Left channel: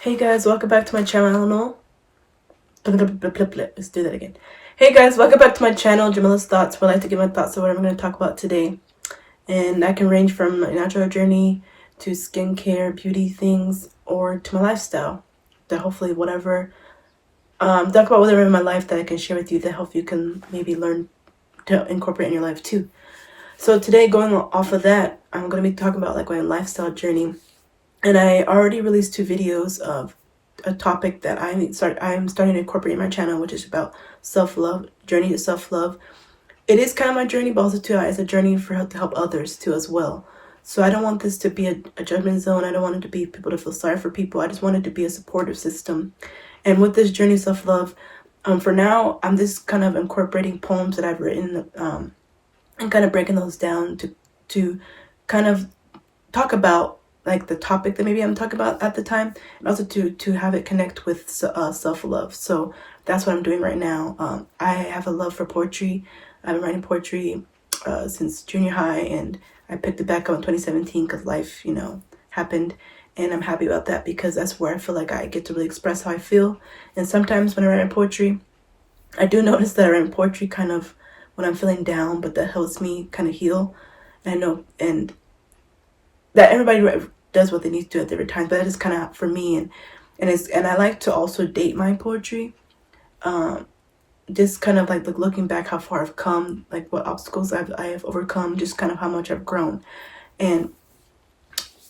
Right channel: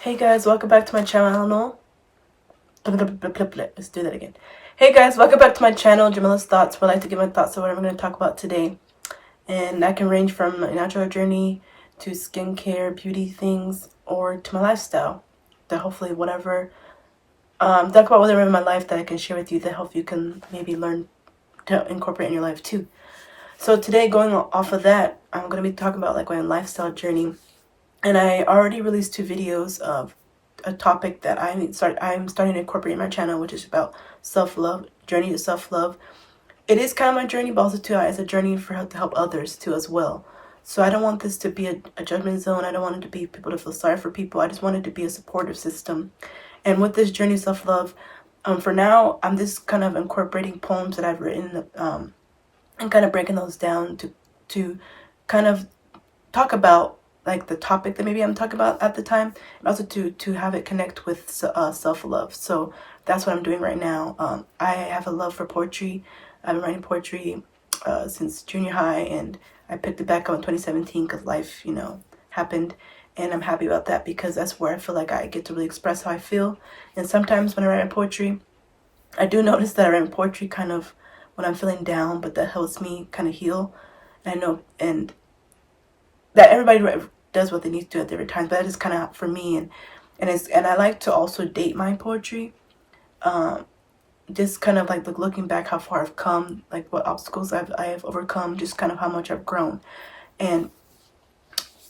Hey guys, welcome back to my channel. Let's do that again. Hey guys, welcome back to my channel, Jamila's Thoughts, where I like to give my thoughts on what I'm going to talk about today. And that can range from a natural journey to skincare, beauty things, or to my lifestyle. That hopefully whatever, talk about whatever in my life that I can share with you that hope you can maybe learn to incorporate in your life too. So today, going off of that, I'm going to be talking about like my lifestyle journey. And I already released 2 videos of a topic that I'm starting to incorporate in my channel, which is about self-love, journey to self-love. It is kind of my journey, but also too, it's a journey to help others too as well. So I don't want this to be a judgment zone. I don't want it to be people to feel sorry for people. I just want it to be a supportive system. And with this journey of self-love, for now, I'm just kind of incorporating poems that I've written and kind of breaking those down to kind of talk about like the topic that maybe I'm talking about at the time, and also to have it connect with self-love. So that's what I'm doing right now. I have a love for poetry. I've been writing poetry since junior high, and I picked it back up in 2017 because life, happened. And I'm happy about that because that's where I feel like I get to really express how I feel. And sometimes when I write my poetry, I do notice that I write poetry kind of when I'm feeling down, but that helps me kind of heal. And I know, and that everybody does what they need to do at different times, but that is kind of for me. And I like to also date my poetry, just kind of like looking back how far I've come, like what obstacles I have overcome, just kind of how much I've grown. And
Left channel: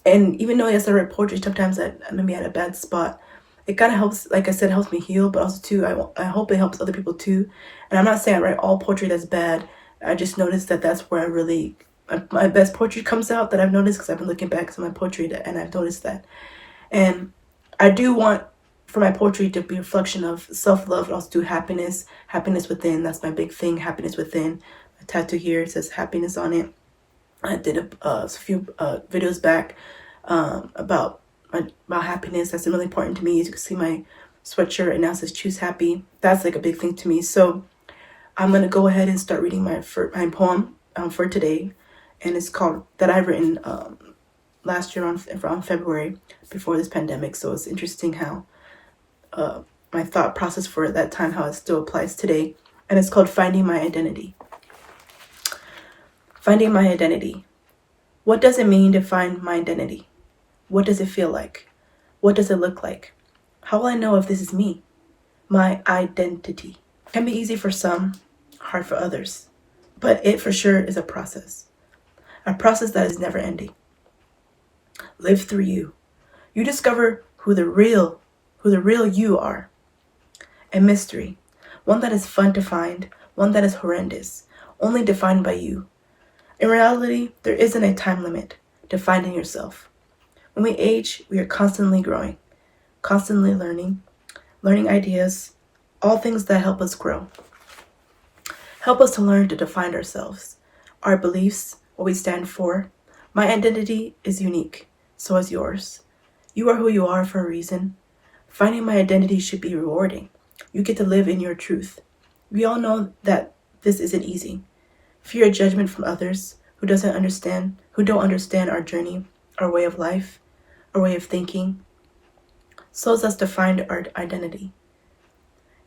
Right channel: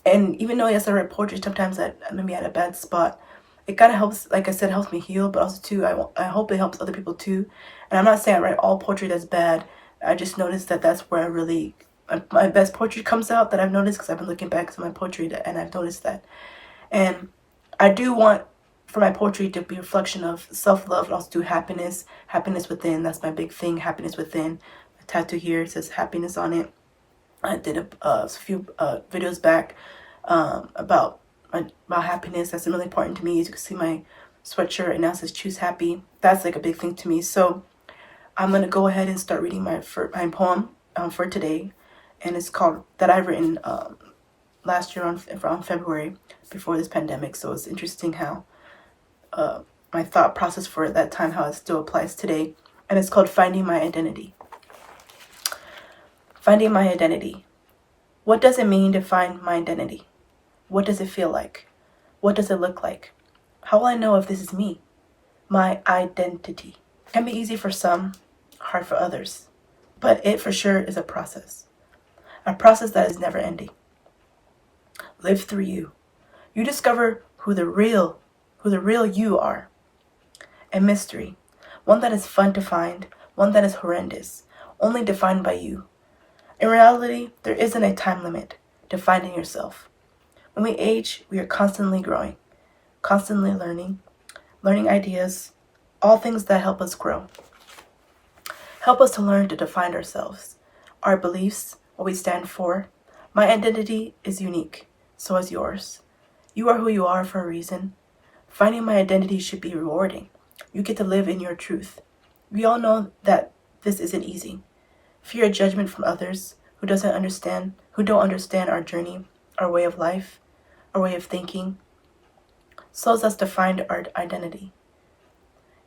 even though yes, I write poetry, sometimes I maybe at a bad spot, it kind of helps, like I said, helps me heal, but also too, I hope it helps other people too. And I'm not saying I write all poetry that's bad. I just noticed that that's where I really, my best poetry comes out, that I've noticed, because I've been looking back at my poetry and I've noticed that. And I do want for my poetry to be a reflection of self-love and also do happiness within. That's my big thing, happiness within. A tattoo here, it says happiness on it. I did a few videos back about happiness. That's really important to me. As you can see my sweatshirt right now says choose happy. That's like a big thing to me. So I'm going to go ahead and start reading my poem for today. And it's called, that I've written last year around February before this pandemic. So it's interesting how my thought process for that time, how it still applies today. And it's called Finding My Identity. Finding my identity. What does it mean to find my identity? What does it feel like? What does it look like? How will I know if this is me? My identity. It can be easy for some, hard for others. But it for sure is a process. A process that is never ending. Live through you. You discover who the real you are. A mystery. One that is fun to find. One that is horrendous. Only defined by you. In reality, there isn't a time limit to finding yourself. When we age, we are constantly growing, constantly learning ideas, all things that help us grow. Help us to learn to define ourselves, our beliefs, what we stand for. My identity is unique, so is yours. You are who you are for a reason. Finding my identity should be rewarding. You get to live in your truth. We all know that this isn't easy. Fear of judgment from others who don't understand our journey, our way of life, our way of thinking, slows us to find our identity.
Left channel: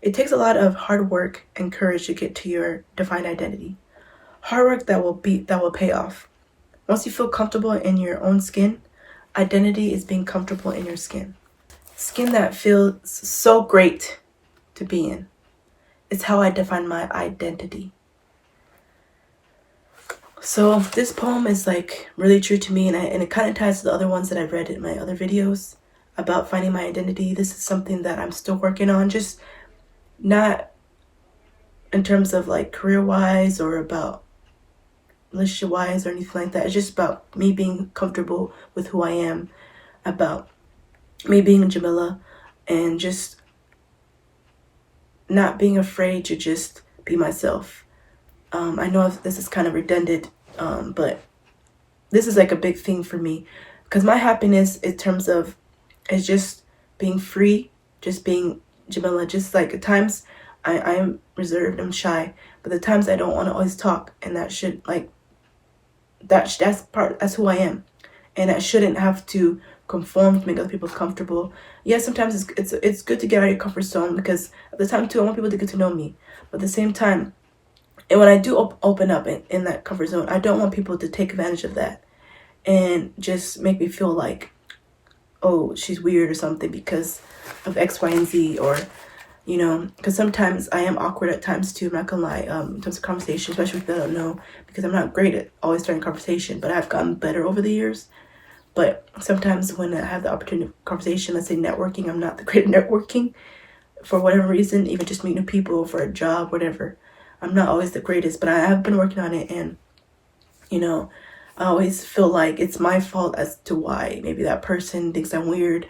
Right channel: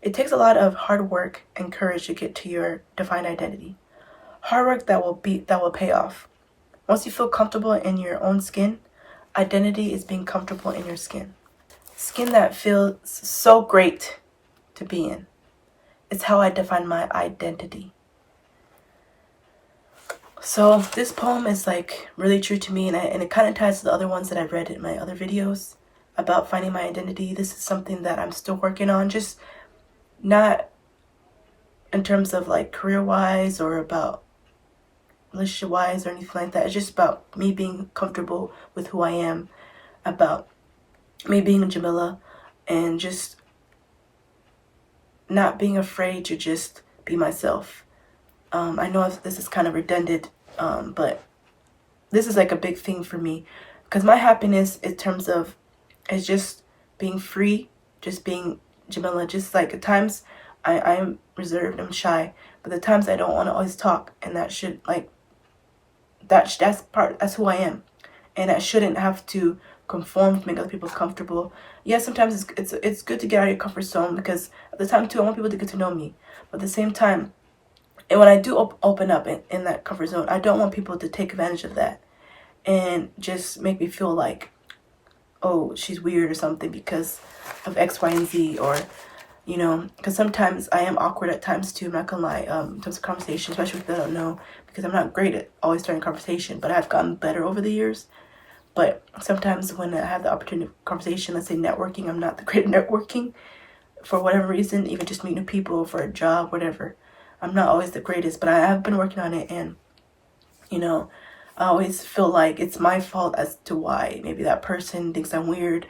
It takes a lot of hard work and courage to get to your defined identity. Hard work that will pay off. Once you feel comfortable in your own skin, identity is being comfortable in your skin. Skin that feels so great to be in. It's how I define my identity. So this poem is like really true to me, and it kind of ties to the other ones that I've read in my other videos about finding my identity. This is something that I'm still working on, just not in terms of like career-wise or about relationship-wise or anything like that. It's just about me being comfortable with who I am, about me being Jamila, and just not being afraid to just be myself. I know this is kind of redundant, but this is like a big thing for me, because my happiness in terms of is just being free, just being Jamila. Just like at times I'm reserved, I'm shy, but the times I don't want to always talk, and that should like that's who I am, and I shouldn't have to conform to make other people comfortable. Yes, sometimes it's good to get out of your comfort zone, because at the time too, I want people to get to know me. But at the same time, and when I do open up in that comfort zone, I don't want people to take advantage of that and just make me feel like, oh, she's weird or something because of X, Y, and Z, or, you know, because sometimes I am awkward at times too, I'm not gonna lie, in terms of conversation, especially if they don't know, because I'm not great at always starting conversation, but I've gotten better over the years. But sometimes when I have the opportunity of conversation, let's say networking, I'm not the great at networking for whatever reason, even just meeting new people for a job, whatever. I'm not always the greatest, but I have been working on it, and, you know, I always feel like it's my fault as to why maybe that person thinks I'm weird,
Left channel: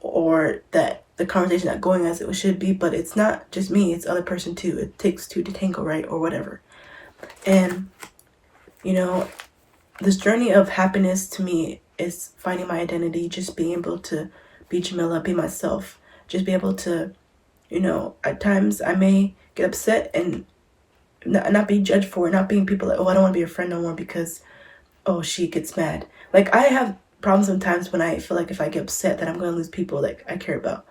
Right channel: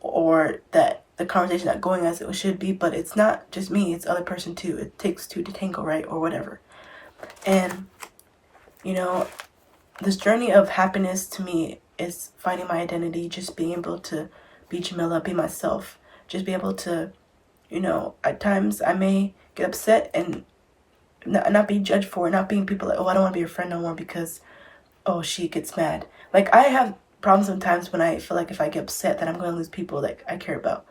or that the conversation not going as it should be. But it's not just me, it's the other person too. It takes two to tango, right? Or whatever. And, you know, this journey of happiness to me is finding my identity, just being able to be Jamila, be myself, just be able to, you know, at times I may get upset and not be judged for it, not being people like, oh, I don't want to be your friend no more because, oh, she gets mad. Like, I have problems sometimes when I feel like if I get upset that I'm going to lose people that I care about.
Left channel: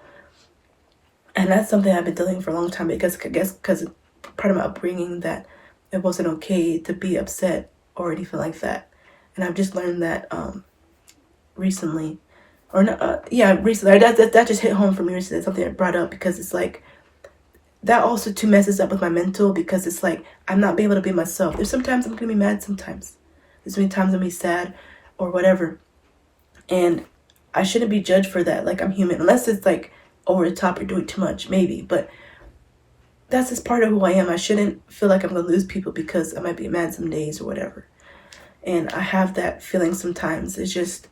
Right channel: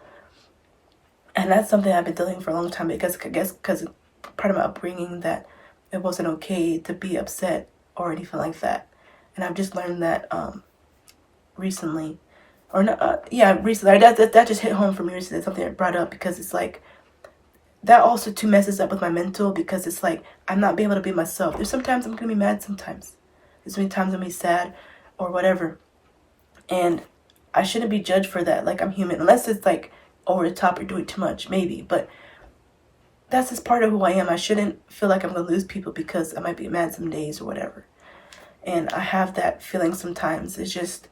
And that's something I've been dealing with for a long time, because I guess because part of my upbringing that it wasn't okay to be upset or anything like that. And I've just learned that recently, or not, recently. That just hit home for me recently. It's something I brought up, because it's like, that also too messes up with my mental, because it's like, I'm not being able to be myself. There's sometimes I'm going to be mad sometimes. There's many times I'm going to be sad or whatever. And I shouldn't be judged for that. Like, I'm human. Unless it's like over the top or doing too much, maybe. But that's just part of who I am. I shouldn't feel like I'm going to lose people because I might be mad some days or whatever. And I have that feeling sometimes. It's just,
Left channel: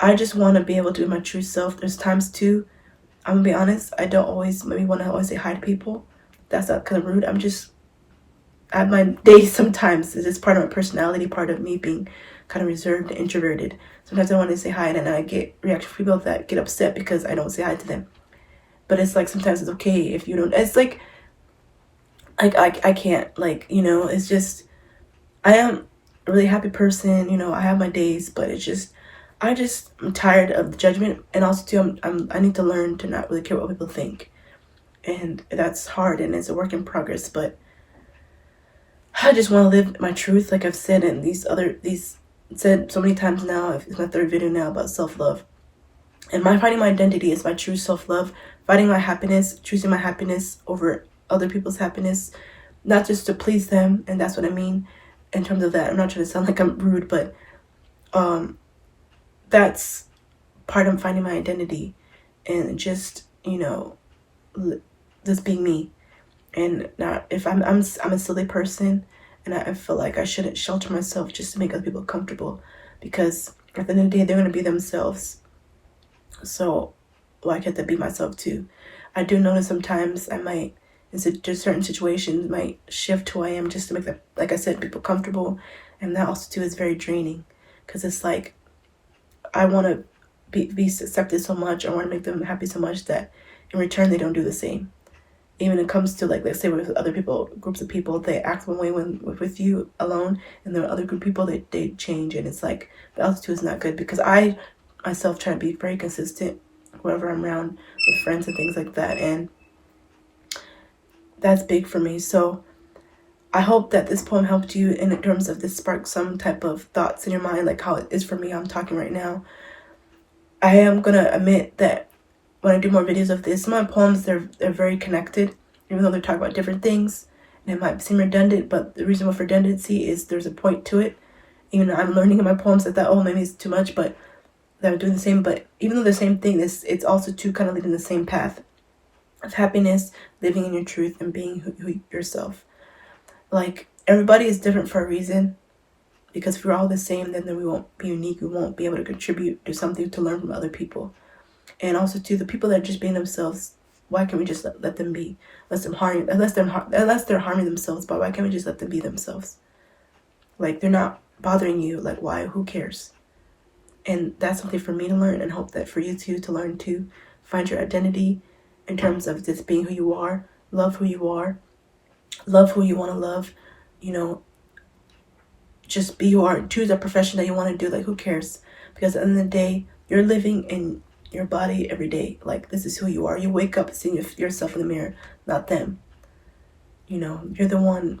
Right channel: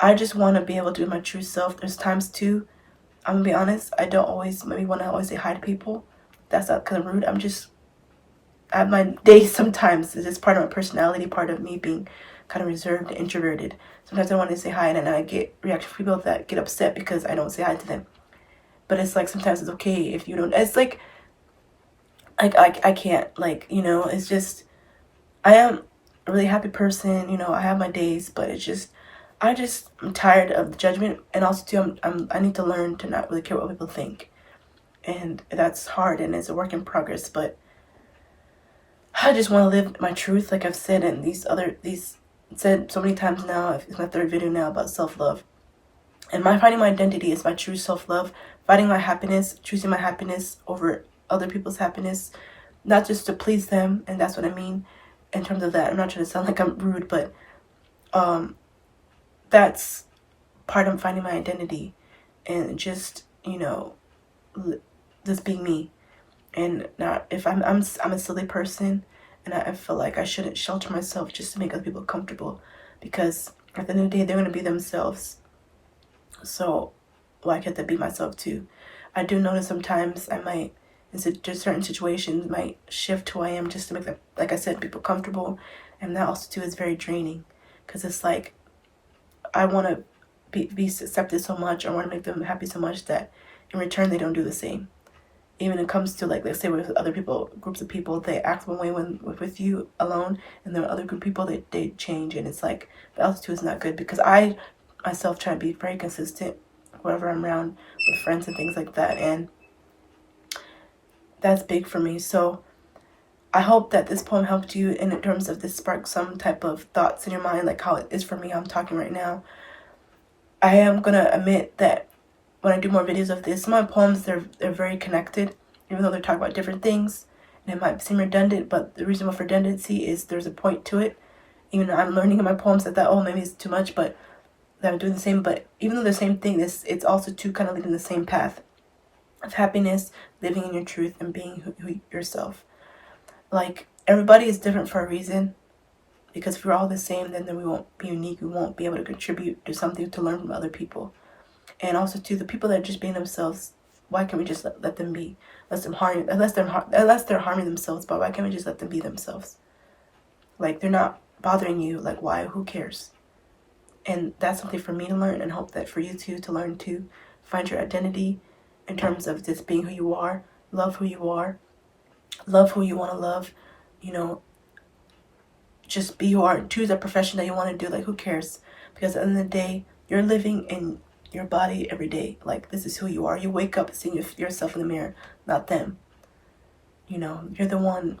I just want to be able to be my true self. There's times too, I'm going to be honest, I don't always maybe want to always say hi to people. That's not kind of rude. I have my days sometimes. It's just part of my personality, part of me being kind of reserved and introverted. Sometimes I want to say hi, and then I get reaction from people that get upset because I don't say hi to them. But it's like, sometimes it's okay if you don't. It's like I can't, like, you know, it's just, I am a really happy person, you know, I have my days, but it's just, I'm tired of the judgment. And also too, I need to learn to not really care what people think. And that's hard, and it's a work in progress, but I just want to live my truth, like I've said in these said so many times now. It's my third video now about self-love. And finding my identity is my true self-love, finding my happiness, choosing my happiness over other people's happiness, not just to please them. And that's what I mean in terms of that. I'm not trying to sound like I'm rude, but that's part of finding my identity, and just, you know, just being me. And not, if I'm a silly person, and I feel like I shouldn't shelter myself just to make other people comfortable, because at the end of the day, they're going to be themselves. So why can't I be myself too? I do notice sometimes I might, in just certain situations, might shift who I am just to make them, like I said, people comfortable. And that also too is very draining, because it's like, I want to be accepted so much, I want to make them happy so much, that in return they don't do the same. Even when it comes to, like, let's say with other people, groups of people, they act one way when with you alone, and then other group of people, they change. And it's like, the altitude is not good, because I myself try to be very consistent wherever I'm around with friends and things like that, and that's big for me. So I hope that this poem helped you in terms of this spark some type of thoughts in your mind, like how it is for me. I'm talking right now. I am gonna admit that when I do more videos of this, my poems, they're very connected, even though they talk about different things, and it might seem redundant. But the reason for redundancy is there's a point to it. Even though I'm learning in my poems that oh, maybe it's too much, but that I'm doing the same. But even though the same thing, it's also too kind of leading the same path of happiness, living in your truth, and being who yourself. Like, everybody is different for a reason, because if we're all the same, then we won't be unique. We won't be able to contribute to something, to learn from other people. And also too, the people that are just being themselves, why can't we just let them be? Unless they're harming themselves, but why can't we just let them be themselves? Like, they're not bothering you. Like, why? Who cares? And that's something for me to learn, and hope that for you too, to learn too. Find your identity in terms of just being who you are. Love who you are. Love who you want to love. You know, just be who you are. Choose a profession that you want to do. Like, who cares? Because at the end of the day, you're living in your body every day. Like, this is who you are. You wake up seeing yourself in the mirror, not them. You know, you're the one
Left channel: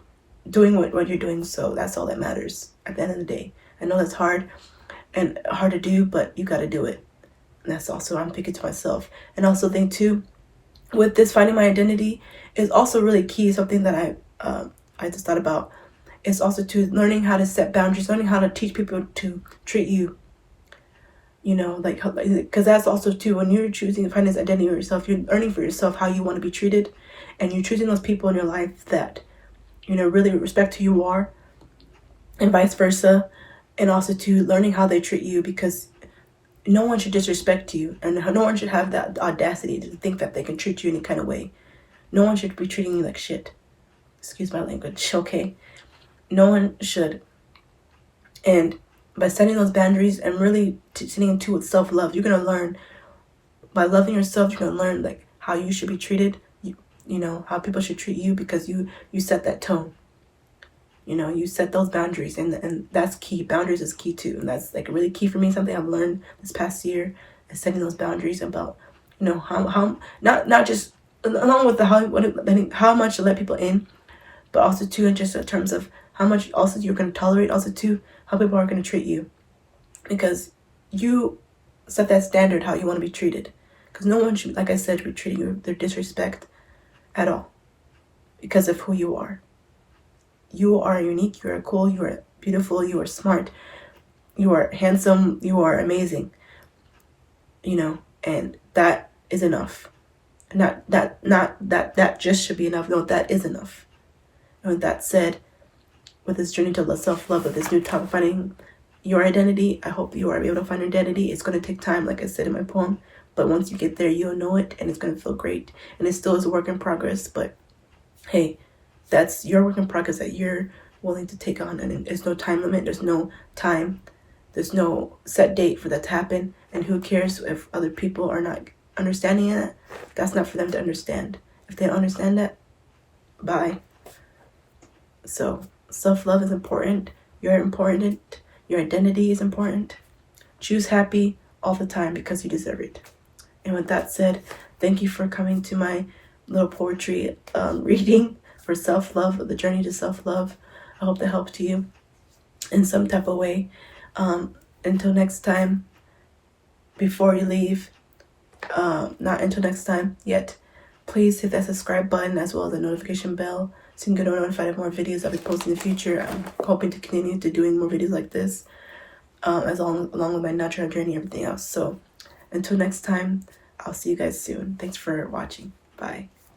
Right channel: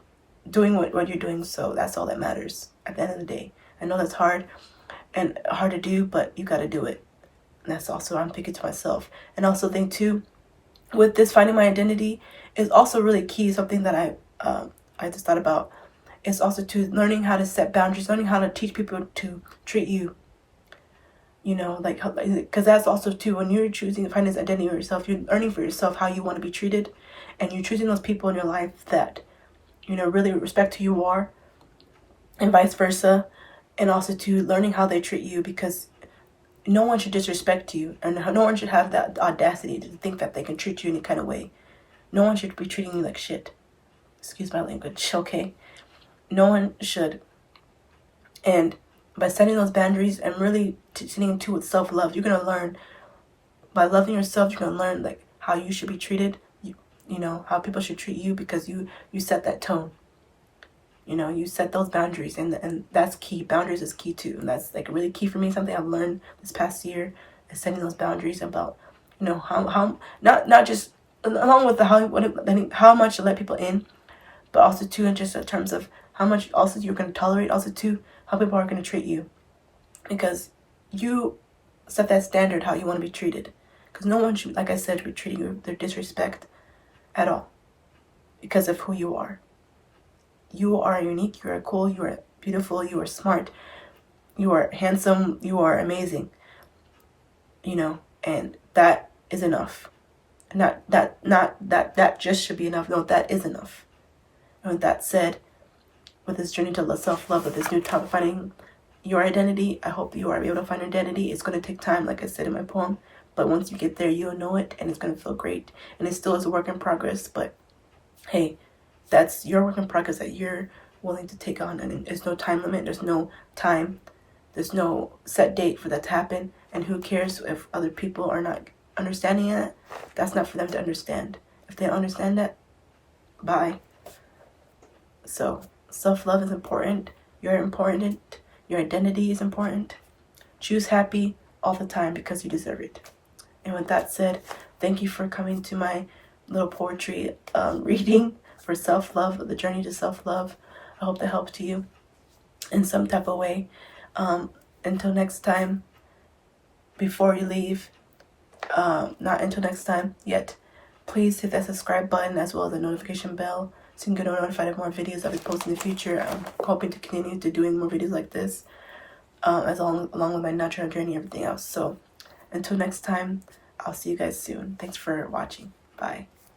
doing what you're doing, so that's all that matters at the end of the day. I know that's hard and hard to do, but you got to do it. And that's also what I'm thinking to myself. And also think too, with this finding my identity is also really key. Something that I just thought about is also to learning how to set boundaries, learning how to teach people to treat you. You know, like, because that's also too, when you're choosing to find this identity of yourself, you're learning for yourself how you want to be treated, and you're choosing those people in your life that, you know, really respect who you are, and vice versa, and also to learning how they treat you, because no one should disrespect you, and no one should have that audacity to think that they can treat you any kind of way. No one should be treating you like shit. Excuse my language, okay? No one should. And by setting those boundaries and really sitting into with self-love, you're going to learn, by loving yourself, you're going to learn like how you should be treated, you know, how people should treat you, because you set that tone. You know, you set those boundaries, and that's key. Boundaries is key too, and that's like really key for me. Something I've learned this past year is setting those boundaries about, you know, how not just along with the how much to let people in, but also too, in just in terms of how much also you're going to tolerate, also too how people are going to treat you, because you set that standard how you want to be treated. Because no one should, like I said, be treating you with their disrespect at all, because of who you are. You are unique, you are cool, you are beautiful, you are smart, you are handsome, you are amazing. You know, and that is enough. Not that just should be enough. No, that is enough. And with that said, with this journey to self-love, with this new topic, finding your identity, I hope you are able to find your identity. It's going to take time, like I said in my poem, but once you get there, you'll know it, and it's going to feel great. And it still is a work in progress, but hey, that's your work in progress that you're willing to take on. And there's no time limit, there's no time, there's no set date for that to happen. And who cares if other people are not understanding that? That's not for them to understand. If they don't understand that, bye. So self-love is important. You're important. Your identity is important. Choose happy all the time, because you deserve it. And with that said, thank you for coming to my little poetry reading for self-love, the journey to self-love. I hope that helped you in some type of way. Until next time, before you leave, not until next time yet, please hit that subscribe button as well as the notification bell, so you can get notified of more videos I'll be posting in the future. I'm hoping to continue to doing more videos like this, along with my natural journey and everything else. So until next time, I'll see you guys soon. Thanks for watching. Bye.